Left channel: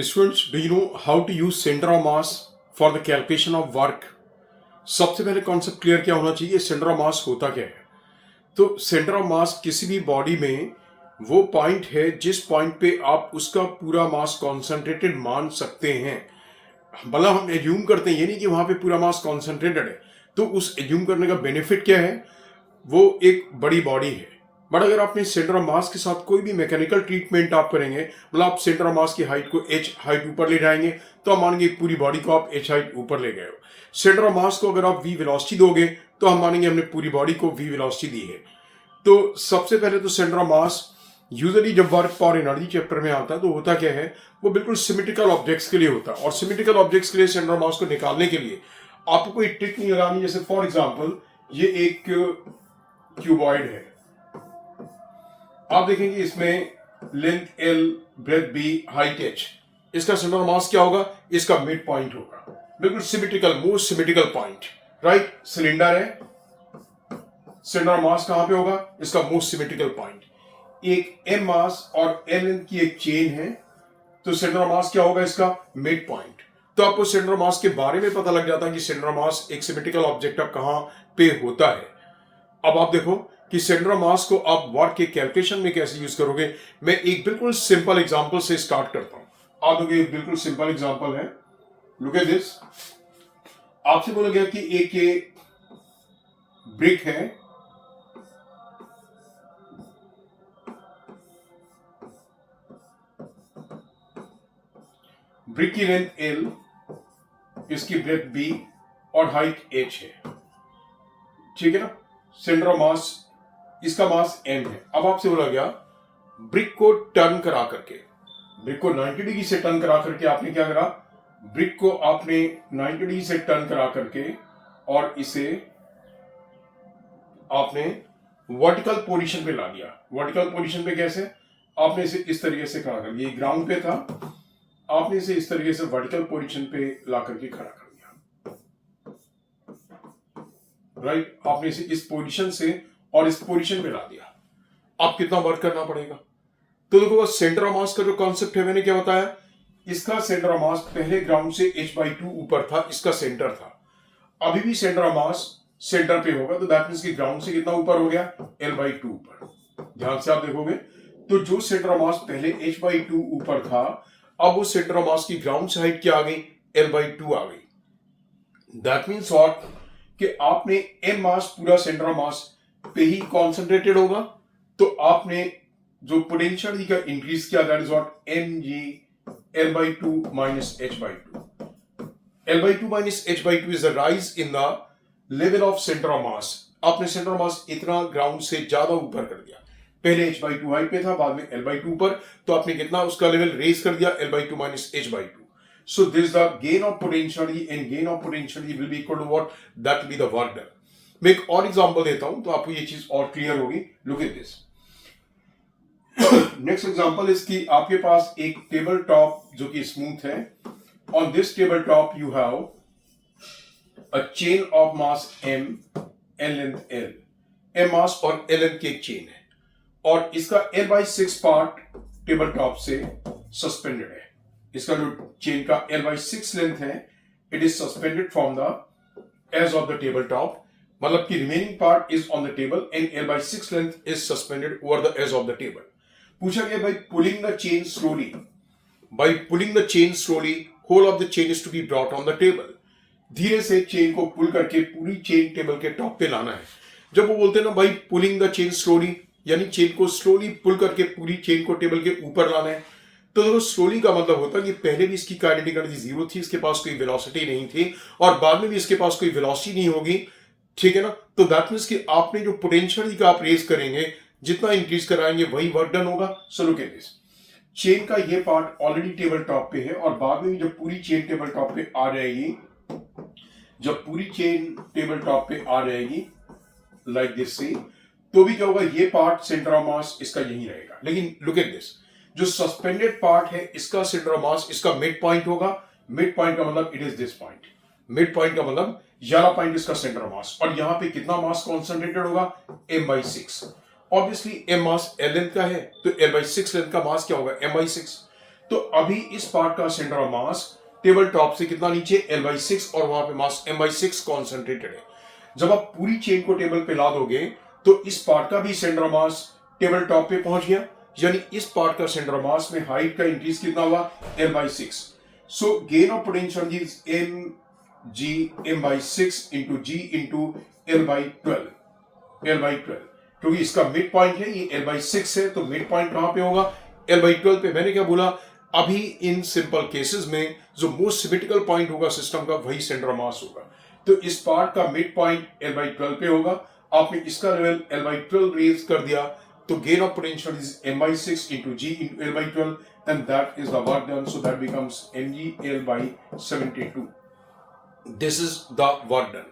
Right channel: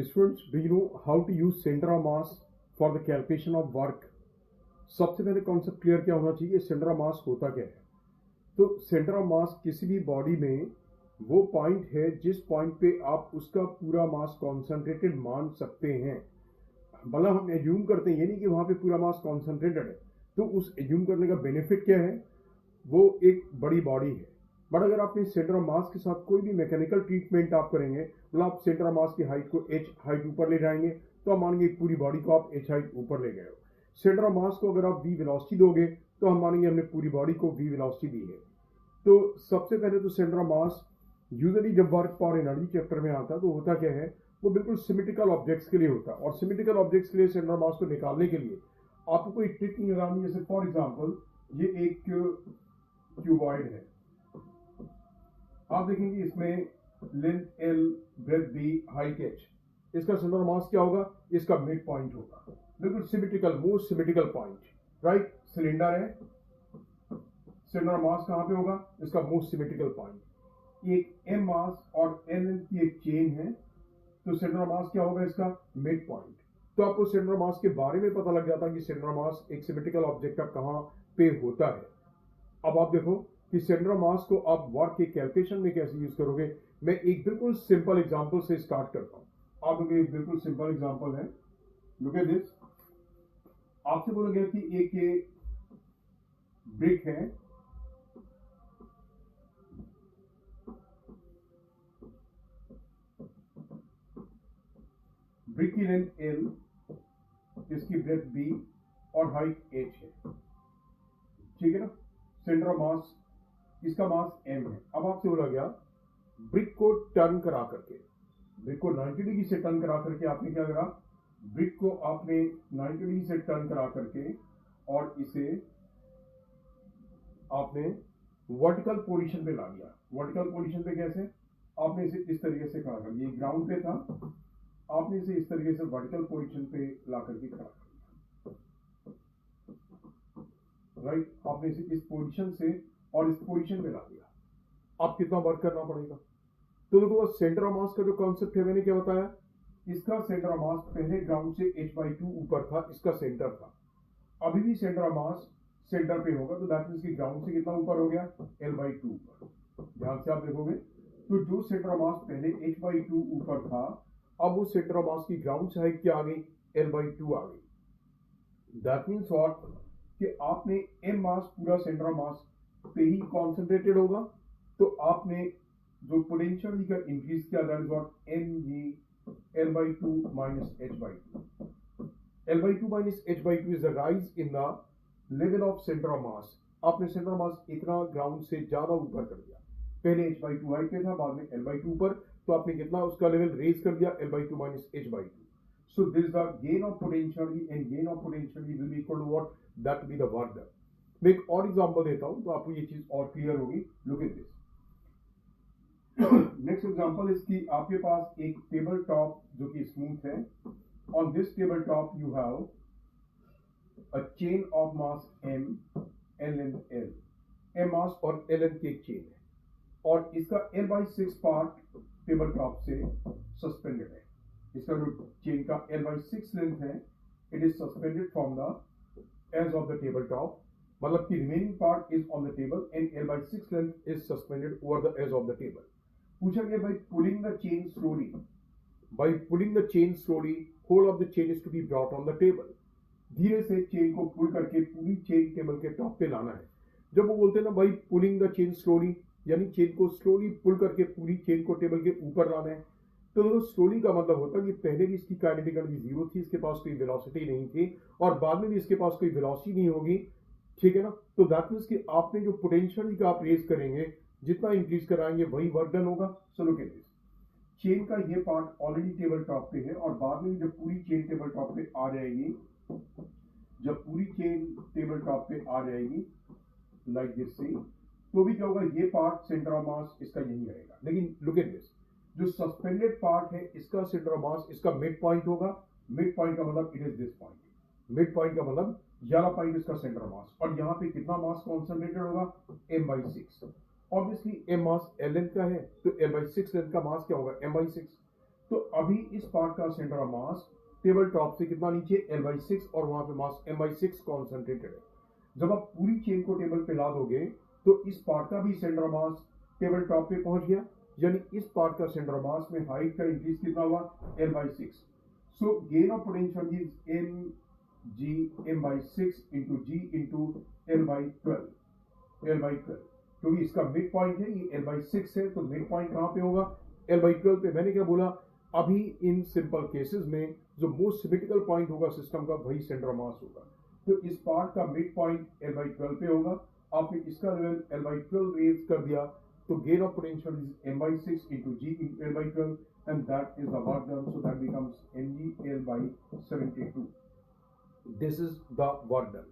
Students, do you know how to use center of mass for the calculation of work? सबसे पहले concept clear क्या होना चाहिए, centre of मास होता क्या है। तो सेंटर ऑफ मास किसी भी बॉडी में वो पॉइंट है जिस पॉइंट पे आप उसका पूरा मास कॉन्सेंट्रेटेड मान सकते हैं। मतलब हम एज्यूम करते हैं, ये नहीं कि वहां पे पूरा मास कॉन्सेंट्रेटेड है। तो उस एज्यूम करने का बेनिफिट क्या है, वो एक बड़ी बॉडी है। बट अगर आपने सेंटर ऑफ मास के साथ कोई भी मैकेनिकल ट्रीटमेंट आप करेंगे, मतलब आप सेंटर ऑफ मास की हाइट को h हाइट ऊपर ले जाएंगे, तो हम मानेंगे पूरी बॉडी को आप h हाइट ऊपर ले गए हो। सेंटर ऑफ मास को अगर आप v वेलोसिटी दोगे तो हम मानेंगे हमने पूरी बॉडी को v वेलोसिटी दी है। तो सबसे पहले तो सेंटर ऑफ मास यूजुअली जब वर्क फॉर एनर्जी चैप्टर में आता है तो होता क्या है, वो बिल्कुल सिमेट्रिकल ऑब्जेक्ट्स के लिए होता है। और सिमेट्रिकल ऑब्जेक्ट्स के लिए सेंटर ऑफ मास को निकालने के लिए आपको कोई ट्रिक नहीं लगानी। जैसे फॉर एग्जांपल ये एक क्यूबॉइड है, आप देखेंगे इसमें length L, breadth B, height H। इसका सेंटर ऑफ मास क्या होगा, इसका मिड पॉइंट होगा। बिल्कुल symmetrical, most symmetrical point, right. Cylinder है, सेंटर ऑफ मास कहां पे होगा, इसका मोस्ट सिमेट्रिकल पॉइंट। एक M मास और L लेंथ की एक चेन है, तो सेंटर ऑफ मास क्या होगा, इसका मिड पॉइंट। तो आपको सेंटर ऑफ मास के बारे में पता लग जाता है कि सेंटर ऑफ मास एक सिमेट्रिकल ऑब्जेक्ट अब कहां पे होता है। अब आप देखो कि सेंटर ऑफ मास को आप वर्क के कैलकुलेशन में कैसे यूज करोगे। मैं एक बिल्कुल सिंपल एग्जांपल से स्टार्ट करता हूं। आप देखिए, एक बिल्कुल सिंपल एग्जांपल है, लुक एट दिस। आपसे बोला गया कि एक ये ब्रिक है, ब्रिक की लेंथ L, इसकी ब्रेथ B और हाइट H है, ठीक है ना। सेंटर ऑफ मास, इसका मास M है। अब आपसे बोला गया ब्रिक को टर्न करा करके, ब्रिक को 90 डिग्री से टर्न करा करके आपने क्या करा, ब्रिक को आपने 90 डिग्री से टर्न करा करके और इसे आपने वर्टिकल पोजीशन पे ला दिया। वर्टिकल पोजीशन पे कैसे, आपने इसे इस तरीके से खड़ा कर दिया, ये ग्राउंड पे था, आपने इसे इस तरीके से वर्टिकल पोजीशन पे ला करके खड़ा कर दिया, राइट। आपने इसे इस पोजीशन से और इस पोजीशन पे ला दिया। अब कितना वर्क करना पड़ेगा, तो देखो सेंटर ऑफ मास का जो कॉन्सेप्ट है मैंने क्या बताया, इसका सेंटर ऑफ मास पहले ग्राउंड से h/2 ऊपर था, इसका सेंटर था। अभी भी सेंटर ऑफ मास सेंटर पे होगा, तो दैट मींस कि ग्राउंड से कितना ऊपर हो गया, L/2 ऊपर। ध्यान से आप देखोगे तो जो सेंटर ऑफ मास पहले h/2 ऊपर था, अब वो सेंटर ऑफ मास की ग्राउंड से हाइट क्या आ गई, L/2 आ गई। दैट मींस व्हाट, कि आपने m मास पूरा सेंटर ऑफ मास पे ही कॉन्सेंट्रेटेड होगा, तो आपने जो पोटेंशियल का इंक्रीज किया, that is what mg L/2 minus h/2. L/2 minus h/2 is the rise in the level of center of mass. आपने सेंटर ऑफ मास इतना ग्राउंड से ज्यादा ऊपर कर दिया, पहले h/2 हाइट पे था, बाद में L/2 पर, तो आपने कितना उसका लेवल रेज कर दिया, L/2 minus h/2. So this is the gain of potentiality, and gain of potentiality will be equal to what, that will be the work done. मैं एक और एग्जांपल देता हूं तो आपको ये चीज और क्लियर होगी। Look at this. Next example is कि आपके पास एक टेबल टॉप जो कि स्मूथ है। On this table top you have a chain of mass M and length L। M mass और L लेंथ की एक चेन है, और इसका L/6 पार्ट टेबल टॉप से सस्पेंडेड है। इसका जो चेन का L/6 लेंथ है, it is suspended from the edge of the table top, मतलब कि remaining part is on the table and L/6 length is suspended over the edge of the table. पूछा गया by pulling the chain slowly, by pulling the chain slowly whole of the chain is to be brought on the table. धीरे से chain को पुल करके पूरी chain table के top पे लाना है। जब वो बोलते हैं ना भाई पुलिंग द चेन स्लोली, यानी चेन को स्लोली पुल करके पूरी चेन को टेबल के ऊपर लाना है, तो देखो स्लोली का मतलब होता है कि पहले भी इसकी काइनेटिक एनर्जी जीरो थी, इसके पास कोई वेलोसिटी नहीं थी, और बाद में भी इसके पास कोई वेलोसिटी नहीं होगी, ठीक है ना। तो दैट मींस कि आपने जो पोटेंशियल का आप रेज करेंगे, जितना इंक्रीज कराएंगे वही वर्क डन होगा। So look at this, chain का ये पार्ट ऑलरेडी टेबल टॉप पे है, और बाद में भी जब पूरी चेन टेबल टॉप पे आ जाएगी, जब पूरी चेन टेबल टॉप पे आ जाएगी लाइक दिस से, तो भी क्या होगा, ये पार्ट सेंटर ऑफ मास इसका यही रहेगा। लेकिन लुक एट दिस, जो सस्पेंडेड पार्ट है इसका सेंटर ऑफ मास इसका मिड पॉइंट होगा। मिड पॉइंट का मतलब it is this point, mid point का मतलब वाला पॉइंट इसका सेंटर ऑफ मास, और यहां पे कितना मास कॉन्सेंट्रेटेड होगा, M/6। ऑब्वियसली M मास L लेंथ का है, तो L/6 लेंथ का मास क्या होगा, M/6। तो अभी इस पार्ट का centre of mass table top से कितना नीचे L/6 और वहां पे मास M/6 कॉन्सेंट्रेटेड है। जब आप पूरी चेन को टेबल पे ला दोगे तो इस पार्ट का भी centre of mass table top पे पहुंच गया, यानी इस पार्ट का सेंटर ऑफ मास में हाइट का इंक्रीज कितना हुआ L/6। So gain of potential is mg M/6 into g into L/12 क्योंकि इसका मिड पॉइंट है, ये L/6 है, तो मिड पॉइंट कहां पे होगा L/12 पे। मैंने क्या बोला, अभी इन सिंपल केसेस में जो मोस्ट सिमेट्रिकल पॉइंट होगा सिस्टम का वही सेंटर ऑफ मास होगा। तो इस पार्ट का मिड पॉइंट L/12 पे होगा। आपने इसका लेवल L/12 रेज कर दिया तो gain of potential is M/6 into g into L/12 and that is the work done, so that becomes mg L/72। This is the work done,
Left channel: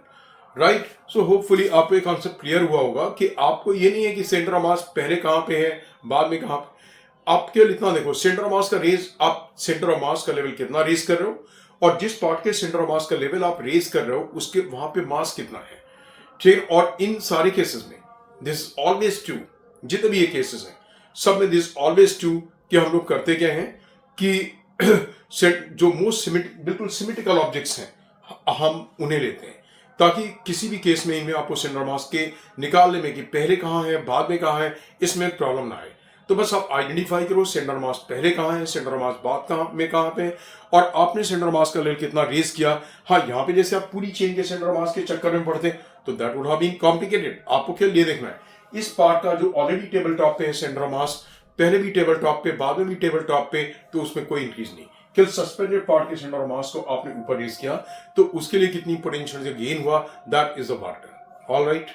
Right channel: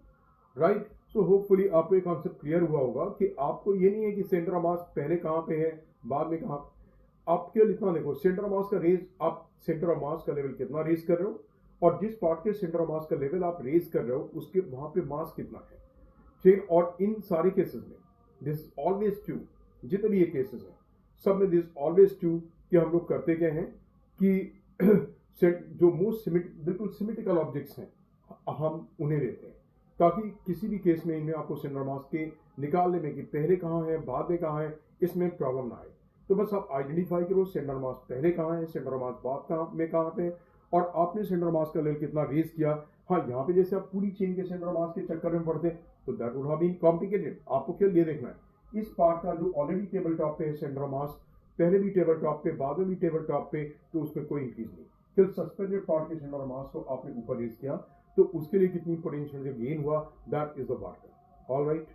right. So hopefully आपको एक concept clear हुआ होगा कि आपको ये नहीं है कि सेंटर ऑफ मास पहले कहां पे है बाद में कहां पे। आप केवल इतना देखो, सेंटर ऑफ मास का रेज, आप सेंटर ऑफ मास का लेवल कितना रेज कर रहे हो और जिस पार्ट के सेंटर ऑफ मास का लेवल आप रेज कर रहे हो उसके वहां पे मास कितना है, ठीक। और इन सारे केसेस में दिस ऑलवेज ट्रू, जितने भी ये केसेस हैं सब में दिस ऑलवेज ट्रू कि हम लोग करते क्या हैं कि जो मोस्ट बिल्कुल सिमेट्रिकल ऑब्जेक्ट्स हैं हम उन्हें लेते हैं, ताकि किसी भी केस में इनमें आपको सेंटर ऑफ मास के निकालने में कि पहले कहां है बाद में कहां है इसमें प्रॉब्लम ना आए। तो बस आप आइडेंटिफाई करो सेंटर ऑफ मास पहले कहां है, सेंटर ऑफ मास बाद में कहां पे है, और आपने सेंटर ऑफ मास का लेवल कितना रेज किया। हाँ, यहाँ पे जैसे आप पूरी चेन के सेंटर ऑफ मास के चक्कर में पड़ते तो that would have been complicated. आपको केवल ये देखना है इस पार्ट का जो ऑलरेडी टेबल टॉप पे है सेंटर ऑफ मास, पहले भी टेबल टॉप पे बाद में भी टेबल टॉप पे, तो उसमें कोई इंक्रीज नहीं। केवल सस्पेंडेड पार्ट के सेंटर ऑफ मास को आपने ऊपर रेज किया तो उसके लिए कितनी पोटेंशियल गेन हुआ, that is the work done. All right.